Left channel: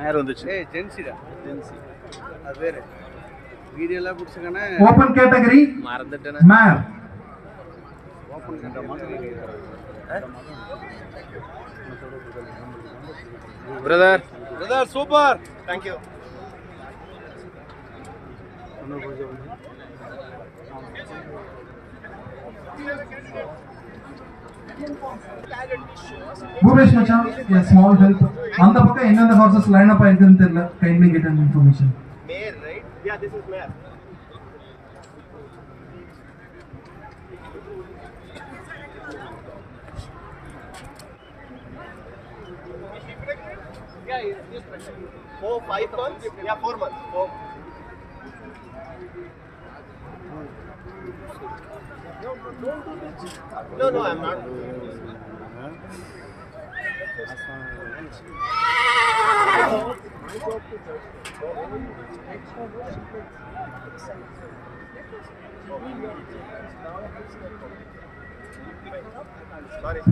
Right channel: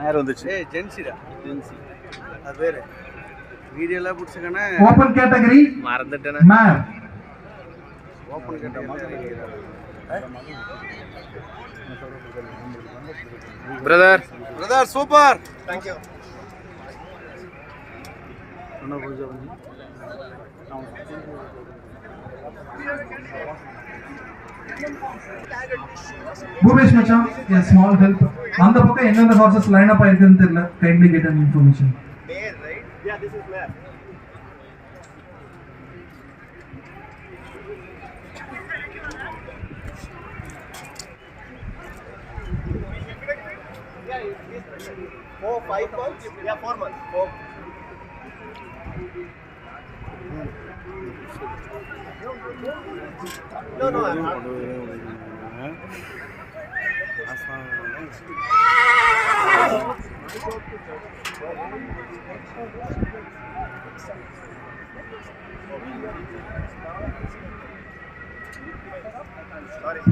நேரம் வந்துச்சு. ஏய் ஜென்சிடா ஜென்சி அது பேர் வீடியோல புடிச்சக்கனே ஓபன் கேட்டகரி மறந்துட்டேனே mare open category brother super thank you Bhupesh Macha, a small help. On the book, any other horses line up, I can tell. Kindly get an information. Mare, right? Yeah, this is mare. Yeah, this 4-5 months. Yeah, 4 months. 4. No, don't do this. No, I'm not. Sorry.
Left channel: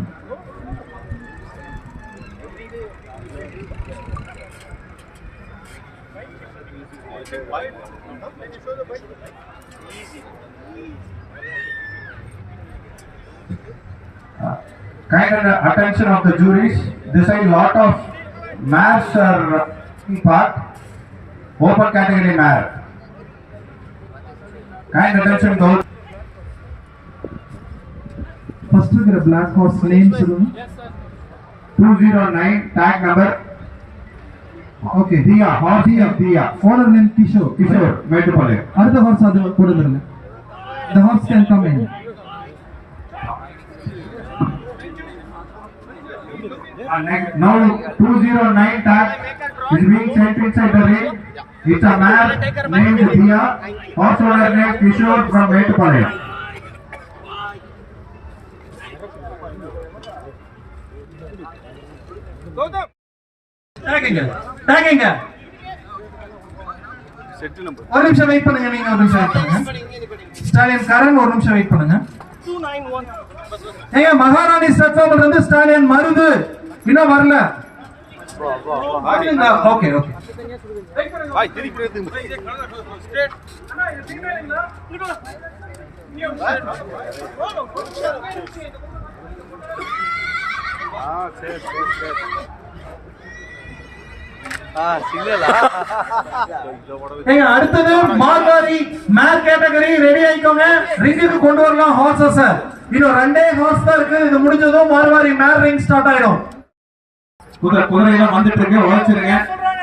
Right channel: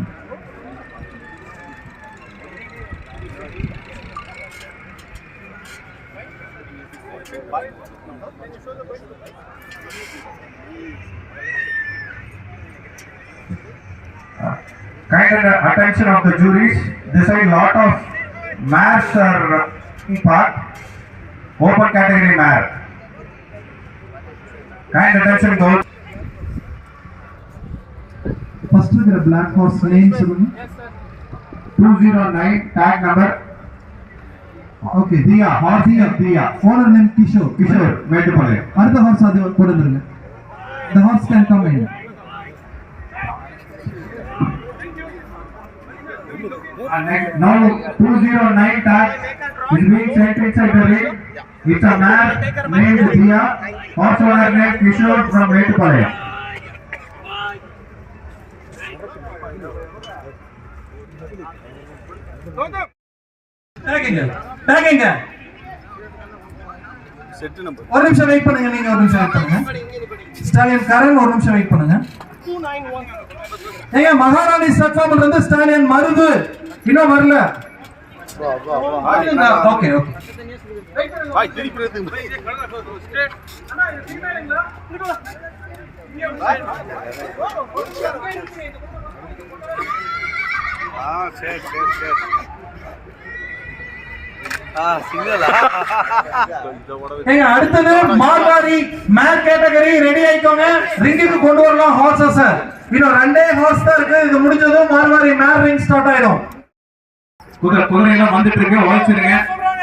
Kind attention of the juries. This side lot of mares are in part. Open category mare. Kind attention to. First is the black horse name. Yes sir. 209 tag number. Okay, Diya, horse of Diya. Owner name Kishore. Kishore, wait a minute. Another horse adu kodudunga. The horse can come in. Now 209 tag is being sent inside the ring. It's a mare named Diya. Horse owner named Kishore from Metupalaya. Tagging. Set number. ஒரு நிமிஷம் wait பண்ணுங்க, நீங்க ஒரு நிமிஷம் wait பண்ணுங்க. ஸ்டாலின் கரண் ஒரு நிமிஷம் wait பண்ணுங்க. 291. ஏங்க மகாராணி ஸ்டார்ட் வந்து ஸ்டாலின் மருது இன்னும் வரல. ஓகே. பாய் திருப்பி எடுத்து ஸ்ட்ரெயிட். சரி. சிக்னலா ஏங்க அடுத்து மார்வாரி மேர் கேட்டகரி ரெடி ஆயிக்கோங்க. ரிங்குக்கு கொண்டு வரலாம் ஹார்ஸஸ். இன்னும் ரெண்டே ஹார்ஸ் தான் இருக்கு. இது முடிஞ்சதும் மார்வாரி மேர் ரிங் ஸ்டார்ட் ஆயிடும். குதிரை எல்லாம் வந்துட்டு இருக்கு. ஓடிச்சிருங்க.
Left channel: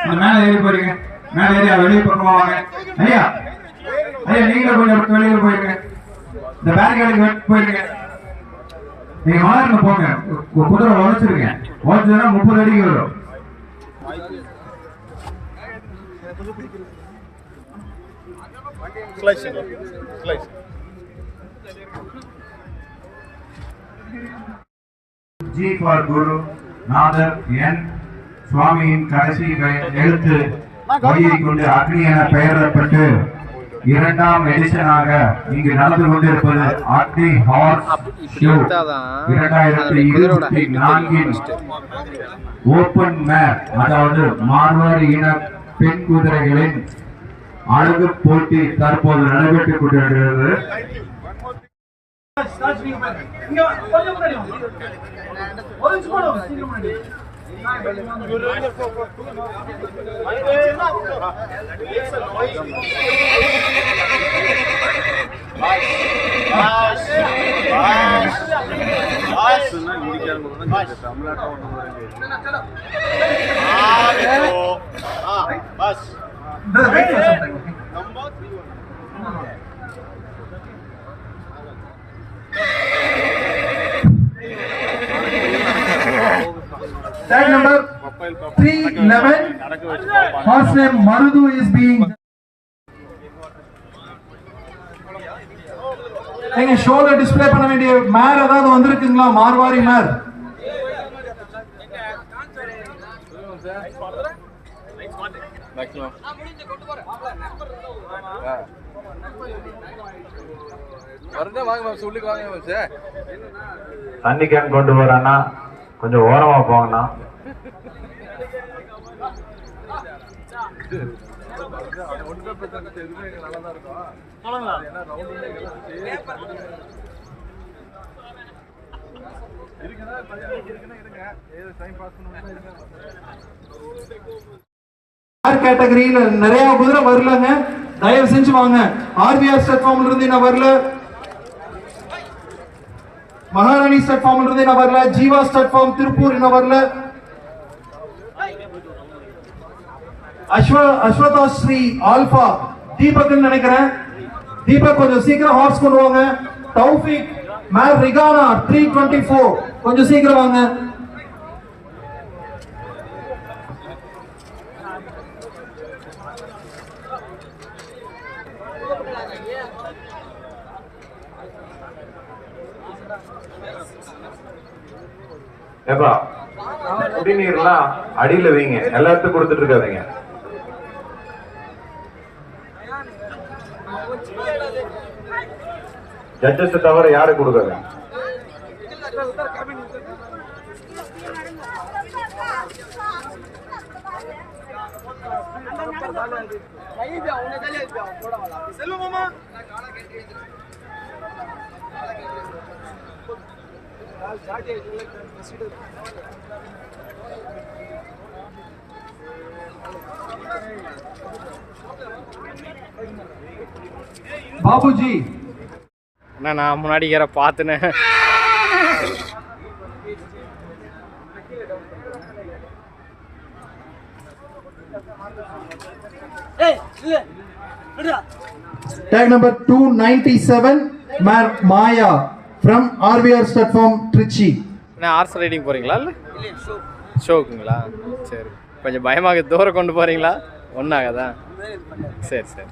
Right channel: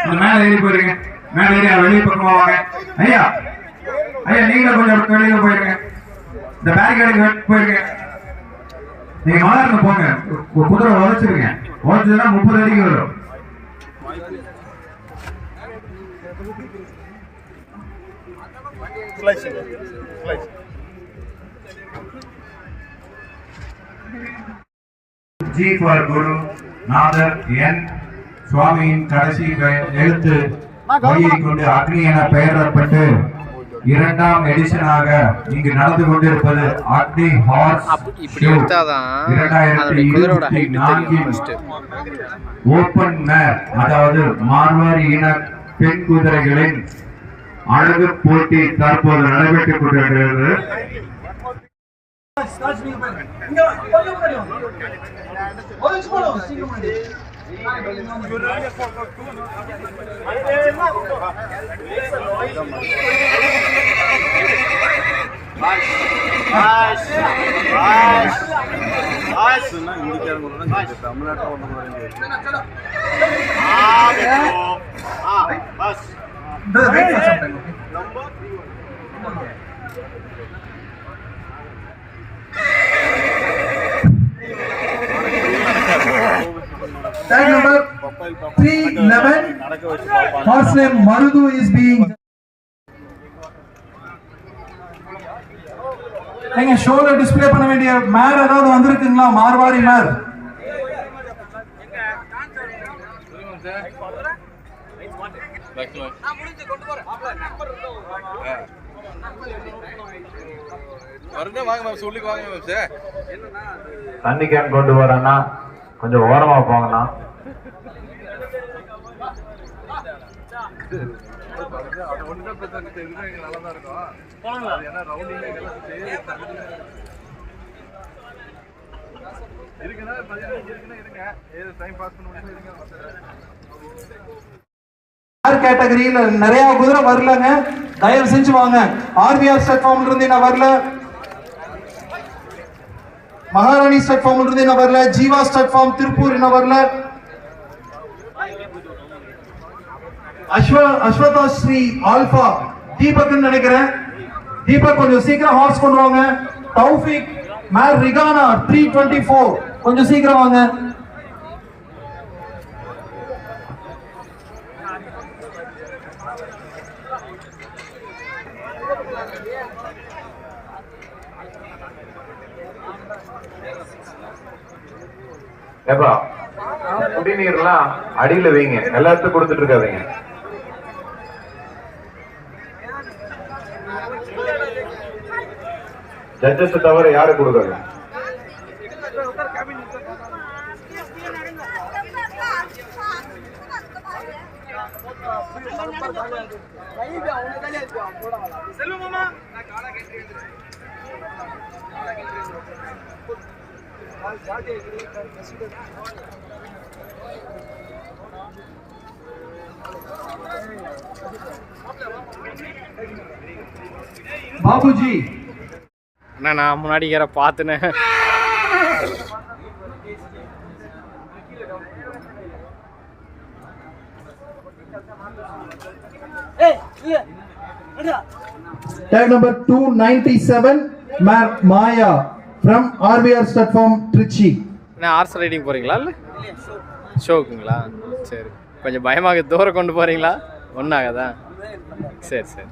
இந்த மேல ஏறி போறீங்க. மேல ஏறி வெளிய பக்கம் வாங்க. ஐயா நீங்க கொஞ்சம் வெளிய போயிருங்க. இந்த பேரிகேடுக்கு போயிருங்க. நீங்க மார்க்கு போங்க. குதிரை ஓடிச்சிருங்க. ஓடிச்சா 30 அடிக்கு வரும். Slice G for Guru, Nathar N சுவாமியின் கடைசி எழுத்து வழியை கொண்டு அக்னி என பெயரிடப்பட்டு இரண்டாம் எடிஷனாக இங்கு நடந்து கொண்டிருப்பது அக்னி ஹார்ஸ் ஷோ 2024 ஓபன் மேர், அதாவது மார்வாரி இன பெண் குதிரைகளின் அழகு போட்டி தற்போது நடைபெற்றுக் கொண்டிருக்கிறது. Tag number 311, horse name Marudu is being. நீங்க ஷோல டிஸ்ப்ளே பண்ண வேண்டிய மேர் ஏதாவது வந்திருக்குங்களா? மார்வாரி மேர் தண்ணி கேன் கொண்டு வரேன்னா கொஞ்சம் ஓரமா போங்கண்ணா. அது ஒண்ணுதான் பிரச்சனை, எதுவுமே நல்லா தான் இருக்கும். ஏன்னா ரவுண்டிங் இருக்குன்னா 15 இருக்குன்னா இருங்க, ஏதோ டைம் பாஸ் பண்ண முடியுமா இருங்க, வந்துடுறேன். கேட்டகரியில நிறைய குதிரை வரலங்க, தயவு செஞ்சு வாங்க. ஆர்பிஆர் ஸ்டேட் ஃபார்ம்ல இருந்து நான் வரல, மகாராணி ஸ்டேட் ஃபார்ம்ல இருந்து நான் வரல, ஜீவா ஸ்டேட் ஃபார்ம் திருப்பூர் நான் வரல, அஸ்வதா ஸ்ரீ ஆல்பா தீபக் நினைக்கிறேன். தீபக் கொஞ்சம் சீக்கிரம் ஹார்ஸ் கொண்டு வாங்க. தௌஃபிக் மேல் ரிகானா 324 கொஞ்சம் சீக்கிரம் வாங்க. ஏப்பா குடிநீர்லாம் அடியில வைங்க, எல்லாத்துக்கும் கொடுத்துட்டு இருக்காதீங்க. ஜட்ஜஸ் தவிர யாரு கொடுக்காங்க. பாபுஜி அண்ணா நான் முன்னாடி யார பார்த்துனேன். Tag number 297 Maya from RBR Stud Farm Trichy. நான் ஹார்ஸ் ரைடிங் போகிறீங்களா இல்லை ஷோக்குங்களா? சரி, கொஞ்சம் பயமாக தூரம் கொண்டு போகிறீங்களா? ஒன்றாகாதா? சரி சரி.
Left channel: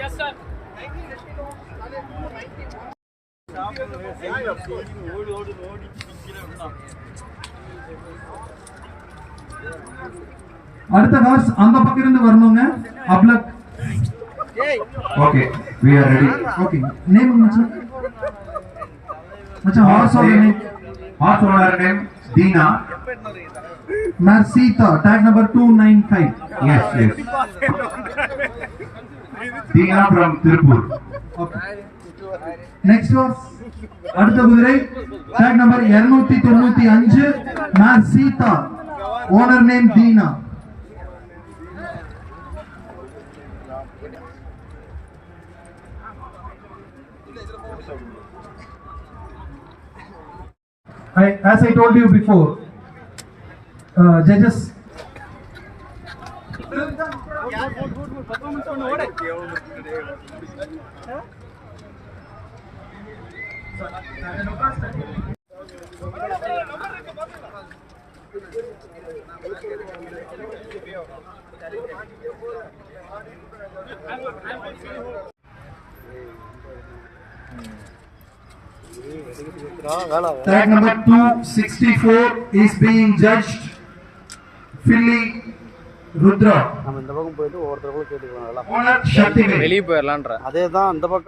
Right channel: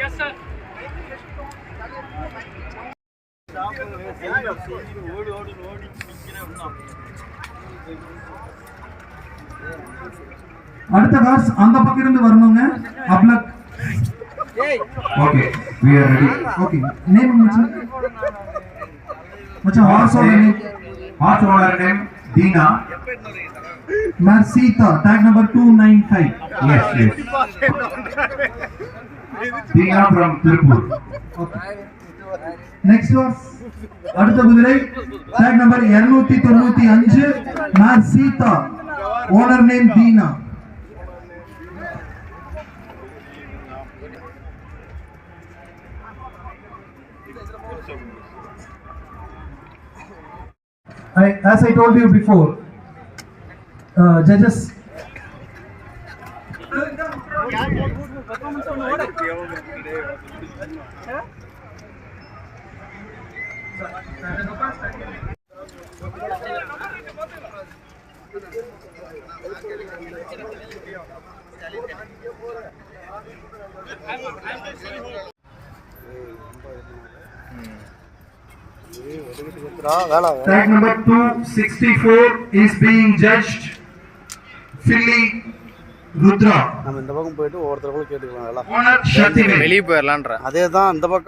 Yes, sir. அடுத்த ஹார்ஸ் அந்த பக்கம் இருந்து வரணுங்க. அப்லக். Okay, we are ready. Okay, name மச்சான். மச்சான் ஹார்ஸ் ஓட name. Horse owner name Deena. நர்சீதா tag number 295. Yes, yes. Deena from Tiruppur. Okay. Next horse அடுத்த குதிரை டாக் நம்பர் 295 நர்சீதா. Owner name Deena. As I told you before, judges. Tag number 264 is being judged. Philly Rudra. நம்ம இந்த பக்கம் போயிட்டு ஒவ்வொருத்தருக்கும் கேட்டுக்கலாம். Owner Shaktivel. வெளியே போயிடலான்ற அதே தான் இந்த பக்கம்